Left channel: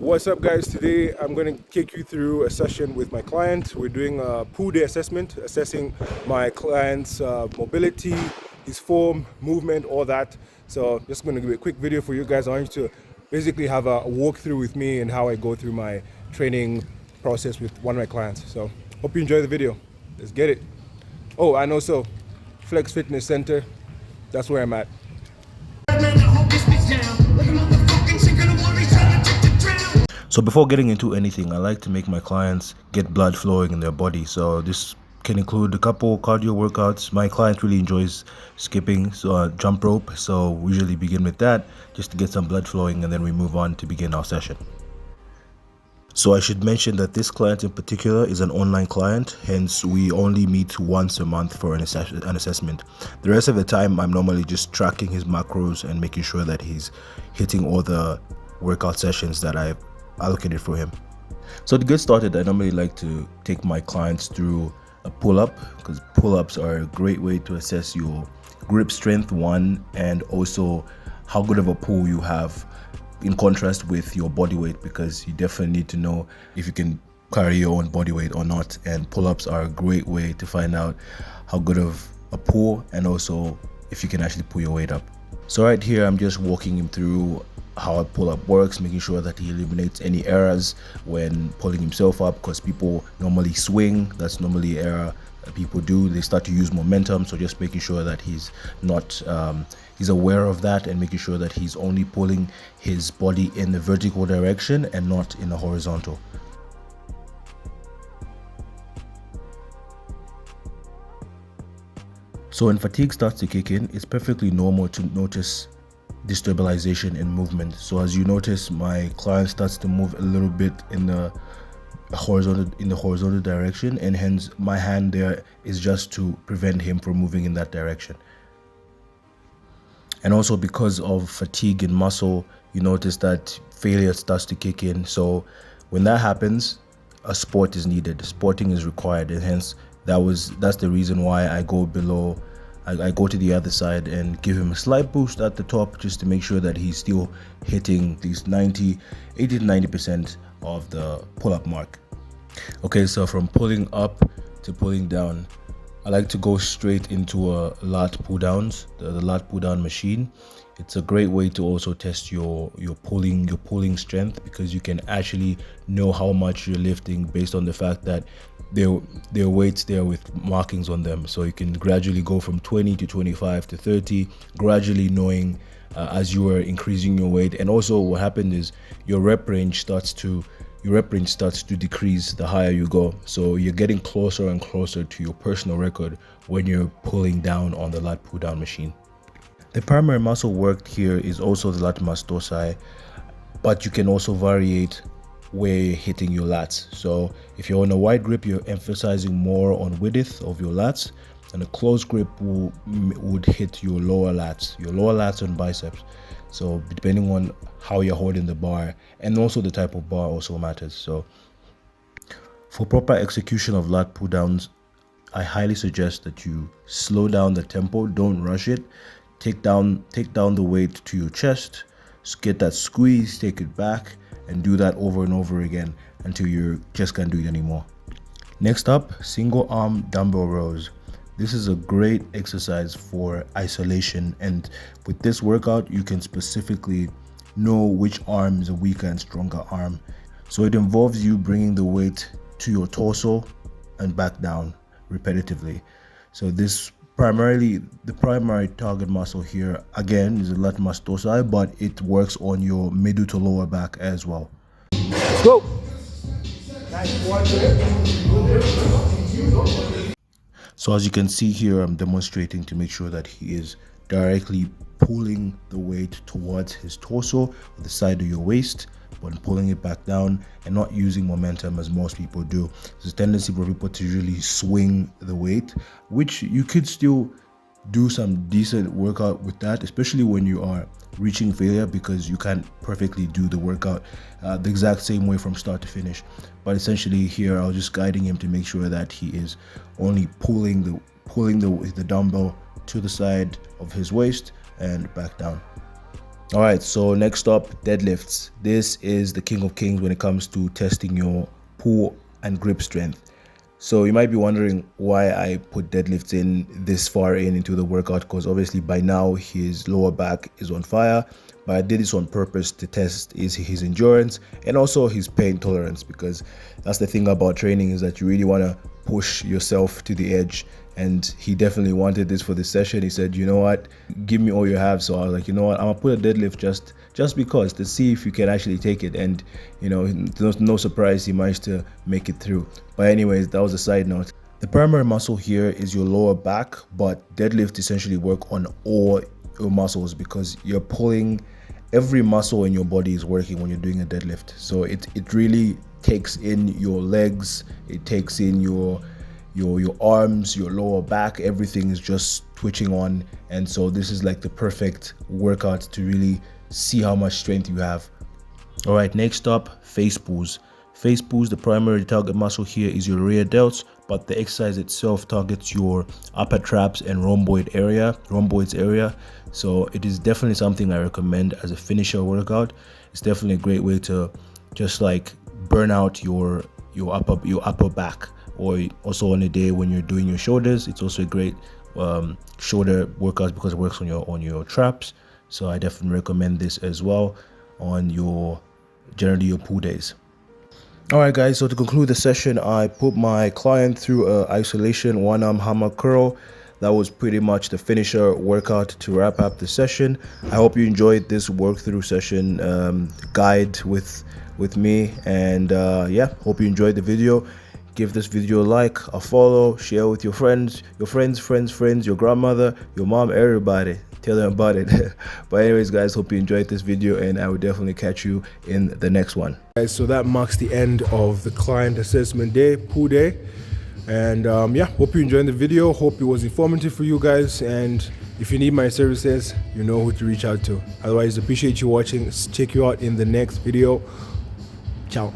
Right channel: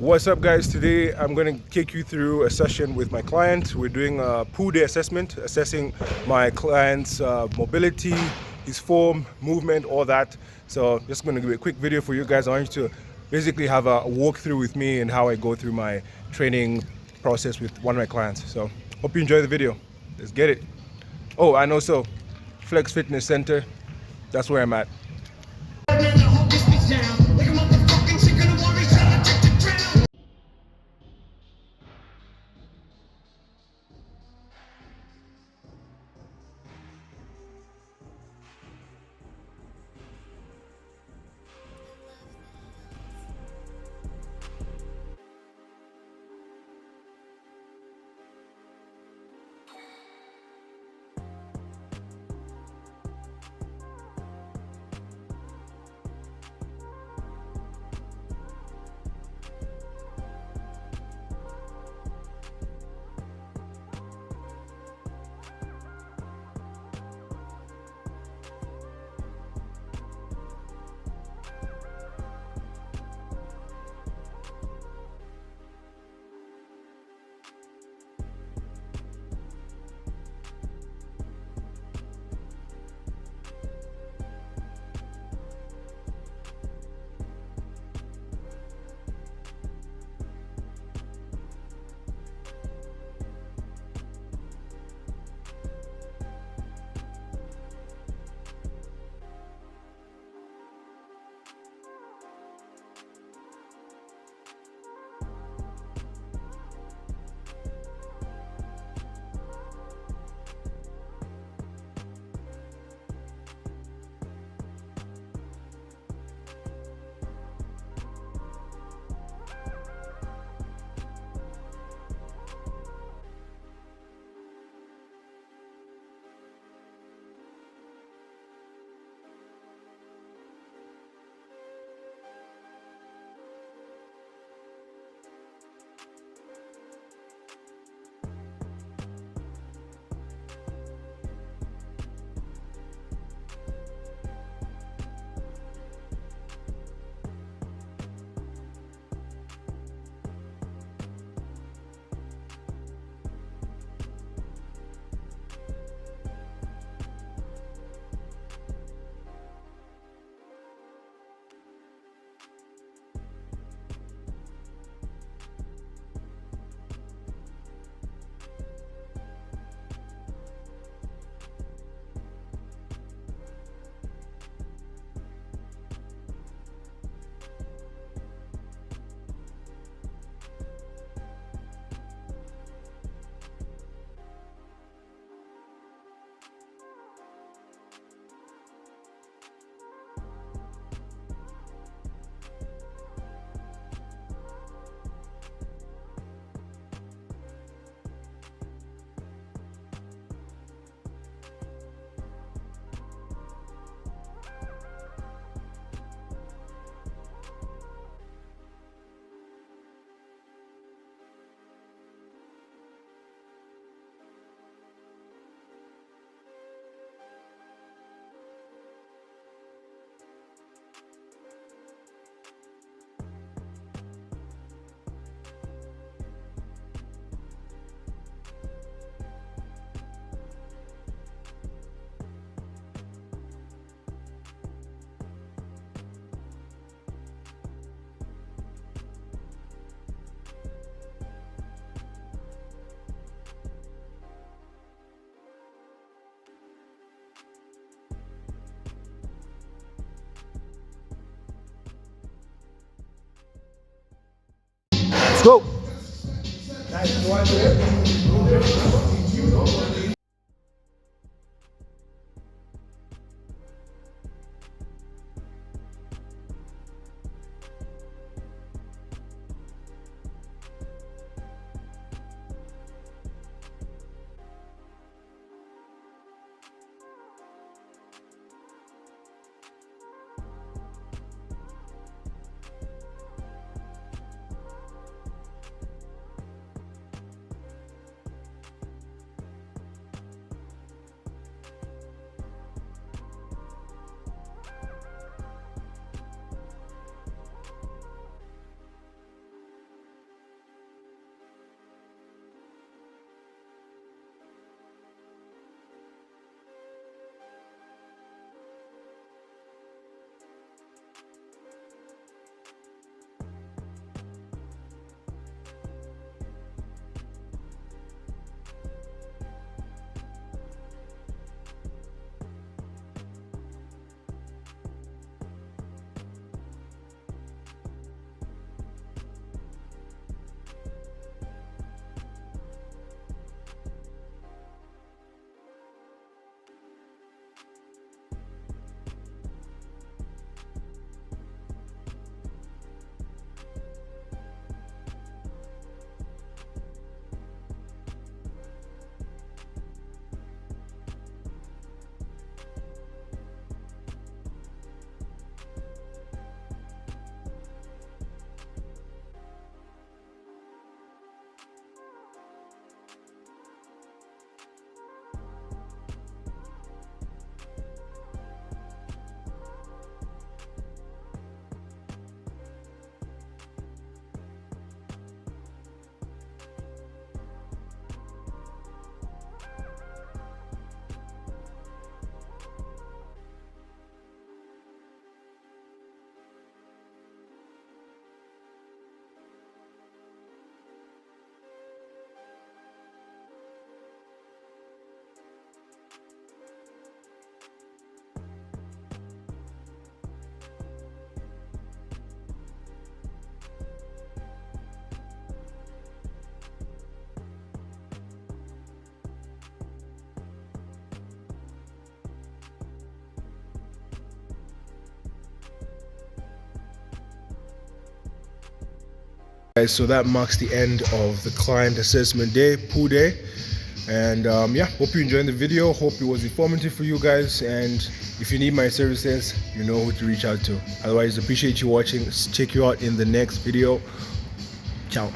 What's up, guys? Today I'm going to take you through a session with my client. We're doing a pull day assessment, assessing my client's mobility, his form, movement, all that. So just going to do a quick video for you guys. I want you to basically have a walkthrough with me and how I go through my training process with one of my clients. So hope you enjoy the video. Let's get it. Oh, and also Flex Fitness Center, that's where I'm at. So before getting into anything, I like to make my clients get blood flowing in their body. So this can include a couple cardio workouts. My client really enjoys skipping, so jump rope. So we usually begin with that just to get some blood flowing, and then we move on to begin our session. So I should mention that this client in particular is an online client, hence we only meet once a month for an assessment. The rest of the time I'm normally just tracking his macros and making sure that he's hitting all the workout sessions that I've allocated for him. So to get started, I normally like to take my clients through a pull-up, because pull-ups are a great way to assess your grip strength, one, and also how good of a pull you have in contrast with your body weight, because you definitely need to know if you can carry your own body weight or not, and pull-ups are a great way to find out how good of a pull and also if you can actually pull your weight up. So right here I'm just walking him through how a pull-up works, making sure that he eliminates any errors when pulling himself up, because people normally swing. That's normally an error that people do. They start to use momentum, so just making sure that he's not he's aware of that, and making sure that he's only pulling his body in the vertical direction and not in the horizontal. So when fatigue starts to kick in, it's perfectly normal to notice destabilization in movement. So as you notice, my client starts to move a little bit in the horizontal direction, and hence my hand there is just to prevent him from moving in that direction. And also because of fatigue in muscle, you notice that failure starts to kick in. So when that happens, a sport is needed, sporting is required, and hence that's the reason why I go below. I go to the other side and give him a slight boost at the top, just to make sure that he's still hitting these 80 to 90% of the pull-up mark. Okay, so from pulling up to pulling down, I like to go straight into a Lat Pulldowns, the Lat Pulldown machine. It's a great way to also test your pulling strength, because you can actually know how much you're lifting based on the fact that there are weights there with markings on them. So you can gradually go from 20 to 25 to 30, gradually knowing as you are increasing your weight. And also what happened is your rep range starts to decrease the higher you go. So you're getting closer and closer to your personal record when you're pulling down on the Lat Pulldown machine. The primary muscle worked here is also the latissimus dorsi, but you can also variate where you're hitting your lats. So if you're on a wide grip, you're emphasizing more on width of your lats, and a closed grip would hit your lower lats on biceps. So depending on how you're holding the bar, and also the type of bar also matters. So for proper execution of lat pull downs, I highly suggest that you slow down the tempo, don't rush it. Take down the weight to your chest, get that squeeze, take it back, and do that over and over again until you just can't do it anymore. Next up, single arm dumbbell rows. This is a great exercise for isolation, and with this workout you can specifically know which arm is a weaker and stronger arm. So it involves you bringing the weight to your torso and back down repetitively. So this the primary target muscle here again is the latissimus dorsi, but it works on your middle to lower back as well. Let's go. So as you can see here, I'm demonstrating to make sure that he is directly pulling the weight towards his torso, the side of your waist, but pulling it back down and not using momentum as most people do. There's a tendency for people to really swing the weight, which you could still do some decent workout with that, especially when you are reaching failure, because you can't perfectly do the workout the exact same way from start to finish. But essentially here I was just guiding him to make sure that he is only pulling the dumbbell to the side of his waist and back down. All right, so next up, deadlifts. This is the king of kings when it comes to testing your pull and grip strength. So you might be wondering why I put deadlifts in this far into the workout, because obviously by now his lower back is on fire, but I did this on purpose to test his endurance and also his pain tolerance, because that's the thing about training, is that you really want to push yourself to the edge. And he definitely wanted this for this session. He said, you know what, give me all you have. So I was like, you know what, I'm gonna put a deadlift just because, to see if you can actually take it. And you know, no surprise, he managed to make it through. But anyways, that was a side note. The primary muscle here is your lower back, but deadlift essentially work on all your muscles, because you're pulling, every muscle in your body is working when you're doing a deadlift. So it really takes in your legs, it takes in your arms, your lower back, everything is just twitching on. And so this is like the perfect workout to really see how much strength you have. All right, next up, face pulls. Face pulls, the primary target muscle here is your rear delts, but the exercise itself targets your upper traps and rhomboids area. So it is definitely something I recommend as a finisher workout. It's definitely a great way to just like burn out your upper back. Or also on a day when you're doing your shoulders, it's also a great shoulder workout because it works on your traps. So I definitely recommend this as well on generally your pull days. All right, guys, so to conclude the session, I put my client through a isolation one arm hammer curl. That was pretty much the finisher workout to wrap up the session. I hope you enjoyed this walkthrough session guide with me, and yeah, hope you enjoyed the video. Give this video a like, a follow, share with your friends, your grandmother, your mom, everybody. Tell them about it. But anyways, guys, hope you enjoyed this video, and I will definitely catch you in the next one. Guys, so that marks the end of the client assessment day, pull day. And yeah, hope you enjoyed the video. Hope it was informative for you guys. And if you need my services, you know who to reach out to. Otherwise, appreciate you watching. Check you out in the next video. Ciao.